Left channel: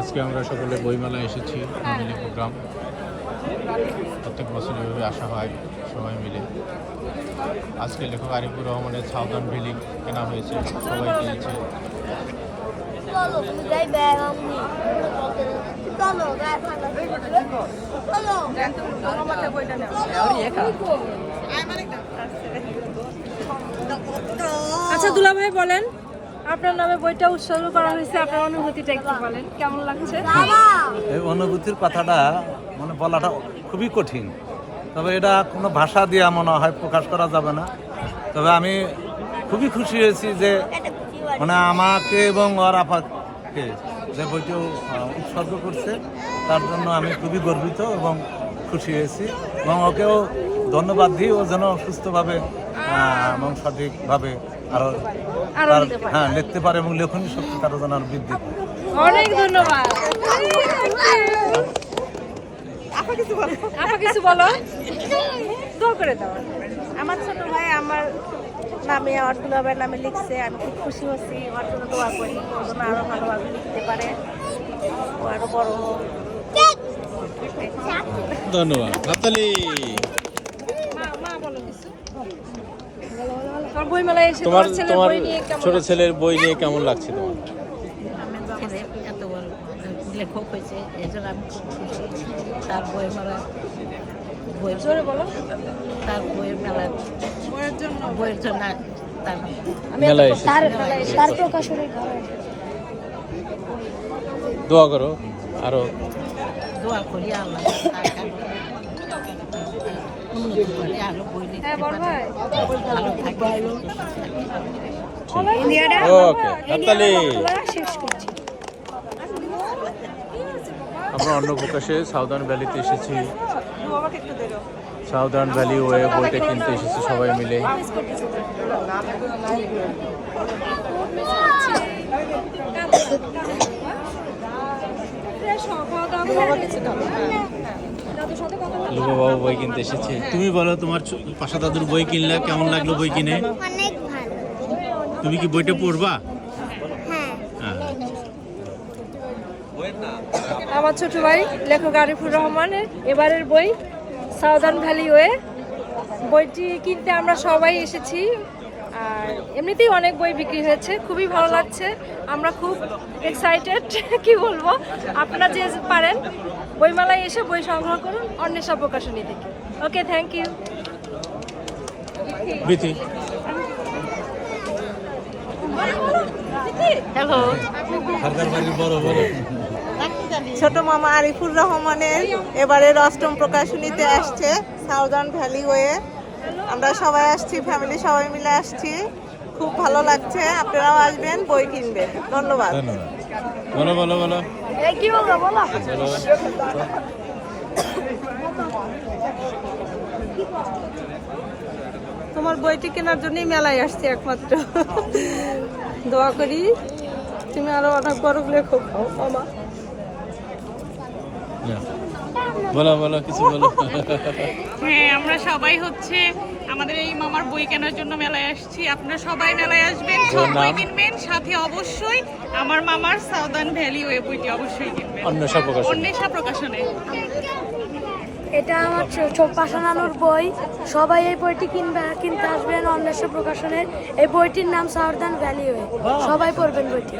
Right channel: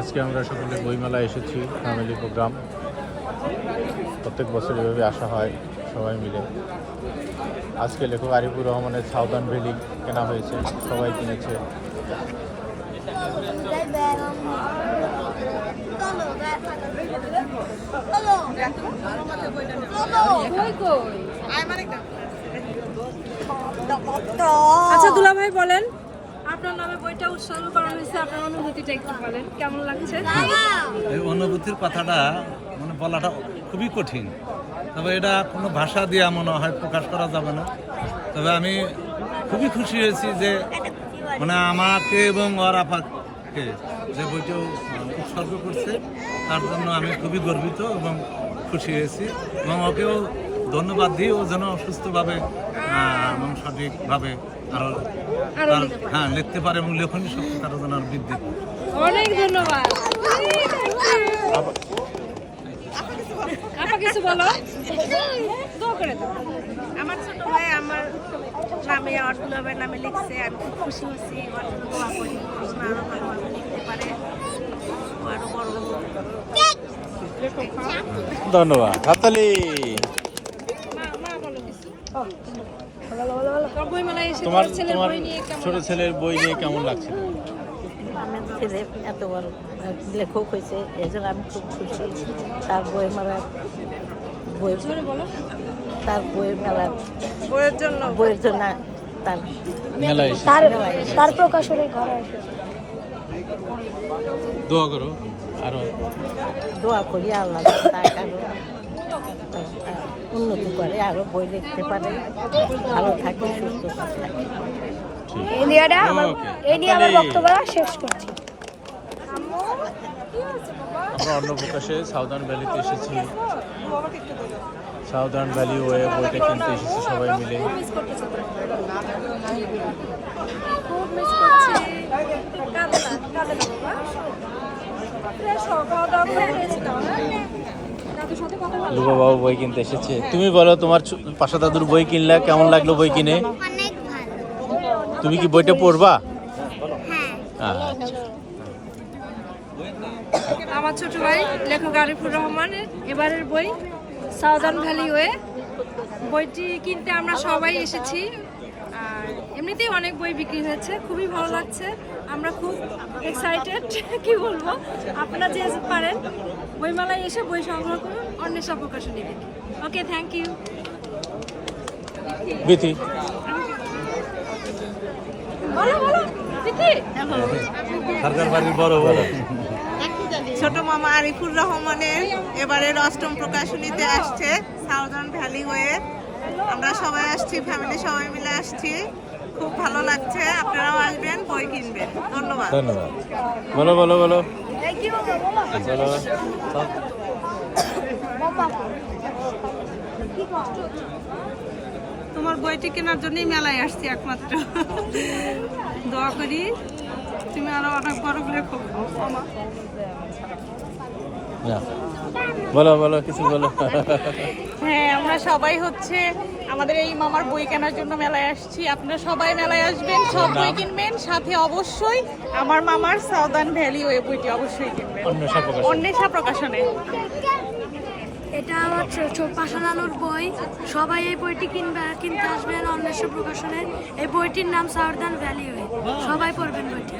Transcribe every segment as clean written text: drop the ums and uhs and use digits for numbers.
আজকে আমরা সকলে বইমেলা এসেছি, ফ্যামিলি প্রোগ্রাম। প্রত্যেক বছর এভাবে আসা হয় সবাই মিলে। আজকে লেখক আরিফুর রহমানের সাউদার্ন ভ্যালি কেনা হয়েছে, সবাই কিনেছে। আচ্ছা দুলা ভাই বলেন, আপনার নামে বইটা উৎসর্গ করা হয়েছে, আপনার অনুভূতিটা একটু বলেন, কেমন লাগছে? এই অনুভূতির কথাটা মানে বলাটা খুবই কঠিন, তবে এটা কোনো ভাষা দিয়ে মনে হয় প্রকাশ করা যাবে না। তবে আমি খুবই খুশি হয়েছি যে মানে আমাকে এবং ওর আপাকে যে বইটি উৎসর্গ করছে তার জন্য আমি খুবই গর্বিত এবং খুশি হয়েছি, এবং ওকেও ধন্যবাদ দিই। ও যেন সুস্থভাবে এবং সঠিকভাবে আরো তার লিখতে পারে এবং লেখনী শক্তি তার যেন আরো বৃদ্ধি পায়। অনেক ধন্যবাদ। কিছু বলো, দোয়া করে দাও। আমার ছোট ভাই আমার নামে অর্থুলা ভাইয়ের নামে লিখছে, আমি খুব খুশি হচ্ছি। ওর জন্য দোয়া করি, ওর জন্য আরো ভালোভাবে লিখতে পারে, ও আরো বড়। ধন্যবাদ। হাততালি। তোমার ছোট ছেলের বই নিয়ে কেমন লাগছে? ছেলে এত বড় লেখক হয়েছে, এই জন্য আমি খুব খুশি। তার বই মেলা, তার বইয়ের মেলা, বইয়ের জন্য তার প্রকাশনের দোয়া করো, আরো দোয়া করি আল্লাহ তাকে উন্নতি করে, আরো বই লিখতে পারে, ভালো থাকে, সুস্থ থাকে। আমরা অন্য প্রকাশে সাউদার্ন ভ্যালিতে এসেছি। সাউদার্ন ভ্যালি ওয়ে বইটা কিনতে এসেছি সবাই মিলে। বাবু বই কিনতে এসেছে। তুমি বলো, তোমার পাশা দাদুর বই কিনলে কেমন লাগলো বই কিনে? অনেক ভালো। তুমি কি বইটা পড়বা? হ্যাঁ। আমার ছোট ভাই লেখক আরিফুর রহমানের এবারের বই সাউদার্ন ভ্যালি ওয়ে, বইটি কিনতে আমরা সবাই এসেছি। আর এমনিতেই অনেক বই বিক্রি হয়েছে, খুবই ভালো লাগছে। আমরা খুব এক্সাইটেড, কি বলবো। আপনারা যে পারেন বইমেলায় এসে বই সংগ্রহ করুন অন্বেষা প্রকাশনী থেকে। ওকে, থ্যাংক ইউ। বিতি হ্যালো, সরকার বাড়ির বড় বড় ছোট মামা আরিফুর রহমানের এবারের 8ম প্রকাশনীতে আসছে সাউদার্ন ভ্যালি ওয়ে। আমরা সবাই আসছি, ফ্যামিলি সবাই মিলে আসছি, খুব ভালো লাগছে। আপনারাও আসবেন, বই কিনবেন। ধন্যবাদ। বলো বলো বলো। তোমার বইটি কেনার জন্যই মেলায় আসছি একমাত্র। দোয়া করি তুমি আরো অনেক বড় লেখক হও মামা। বলো বলো, কিছু বলো। হ্যাঁ, আমরা সবাই হচ্ছে আমাদের এই মামার বই কেনার জন্য মেলায় আসছি। আপনারা সবাই মেলায় আসবেন, সব বই কিনবেন, সাথে অবশ্যই আমার মামার সাউদার্ন ভ্যালি ওই বইটি অবশ্যই কিনবেন, অন্বেষা প্রকাশনে। এটা আমার পাশা নানুর বই, সবাই এই বইটি কিনতে আসবেন অন্বেষা প্রকাশনের। এই বইটির নাম সাউদার্ন ভ্যালি ওয়ে, সবাই পড়বেন বইটি।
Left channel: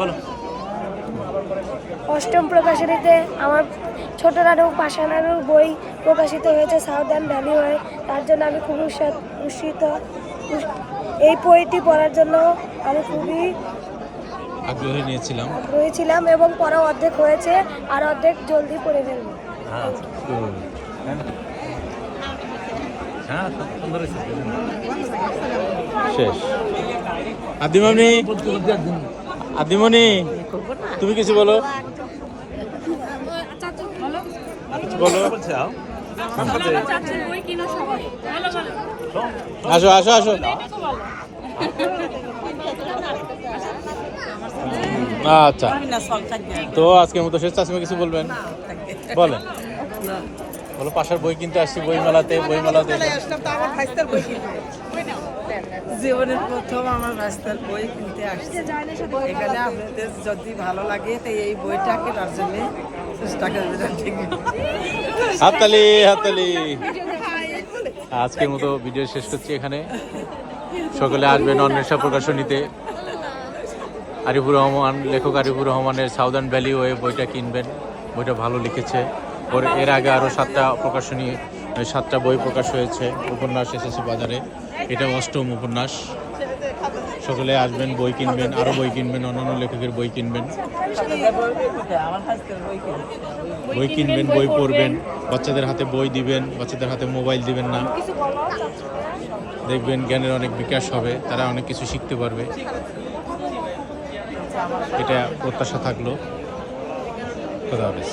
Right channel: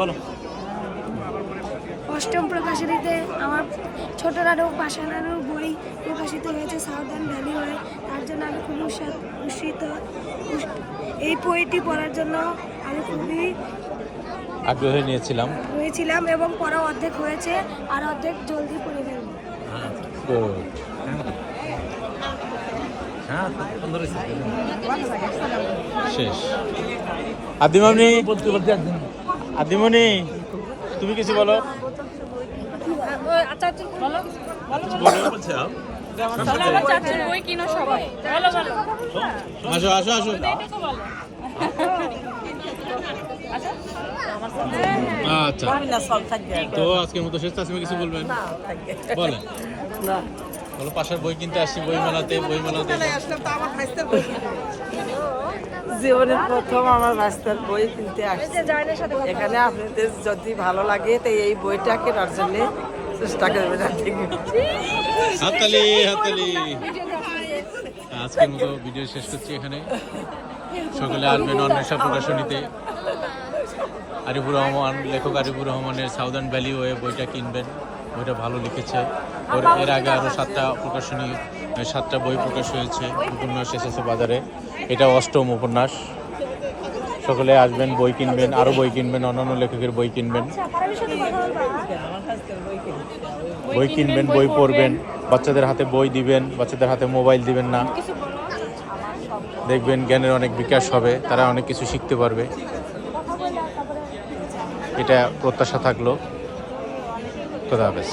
বলো। 8ম প্রকাশনীতে আমার ছোট নানু পাশা নানুর বই প্রকাশিত হয়েছে সাউদার্ন ভ্যালি ওয়ে, তার জন্য আমি খুব উৎসাহিত। এই বইটি পড়ার জন্য আমি খুবই আগ্রহী ছিলাম এবং পড়া অর্ধেক হয়েছে, আর অর্ধেক জলদি পড়ে ফেলবো। শেষ। আদিমনি, তুমি কিছু বলো। আসো আসো আসো। আচ্ছা, তো আজকের মতো শেষ। চাষিমা কিছু বলবেন? বলেন। বলো, পাশের বই কিনতে আসছি বইমেলাতে। আসলাম তো আমার ভাইস্তার বই কিনবে। জীবনের প্রথম আমার রাস্তার বই কিনতে আসছে জার্নির সাথে কথা এখানে আপনাদের যদি ভালো লাগে তো এই বইটা কেনার জন্য চেষ্টা করবেন আর কি। হাততালি হাততালি। আজকের মতো ভিডিও শেষ করছি এখানে। সকলে আসবেন অন্বেষা প্রকাশনীতে। আরিফুর রহমান, লেখক আরিফুর রহমানের সাউদার্ন ভ্যালি ওয়ে বইটা কিনবেন, বইটা ভালো লিখেছে। এর আগে আরও 7টা প্রকাশনী, 7টা বই প্রকাশ হয়েছে, উপন্যাস এসেছে বাজারে, এটা 8ম উপন্যাস। সকলে আসবেন, বই কিনবেন, আরও বই কিনবেন, অন্যান্য লেখকের বই কিনবেন, বই পড়বেন, বাচ্চাদের হাতে বই দিবেন, বাচ্চাদের হাতে মোবাইল দিবেন না। দেখবেন জ্ঞানের অনেক বিকাশ হবে, তারা অনেক কিছু শিখতে পারবে, এটা প্রত্যাশা থাকলো। খোদা হাফেজ।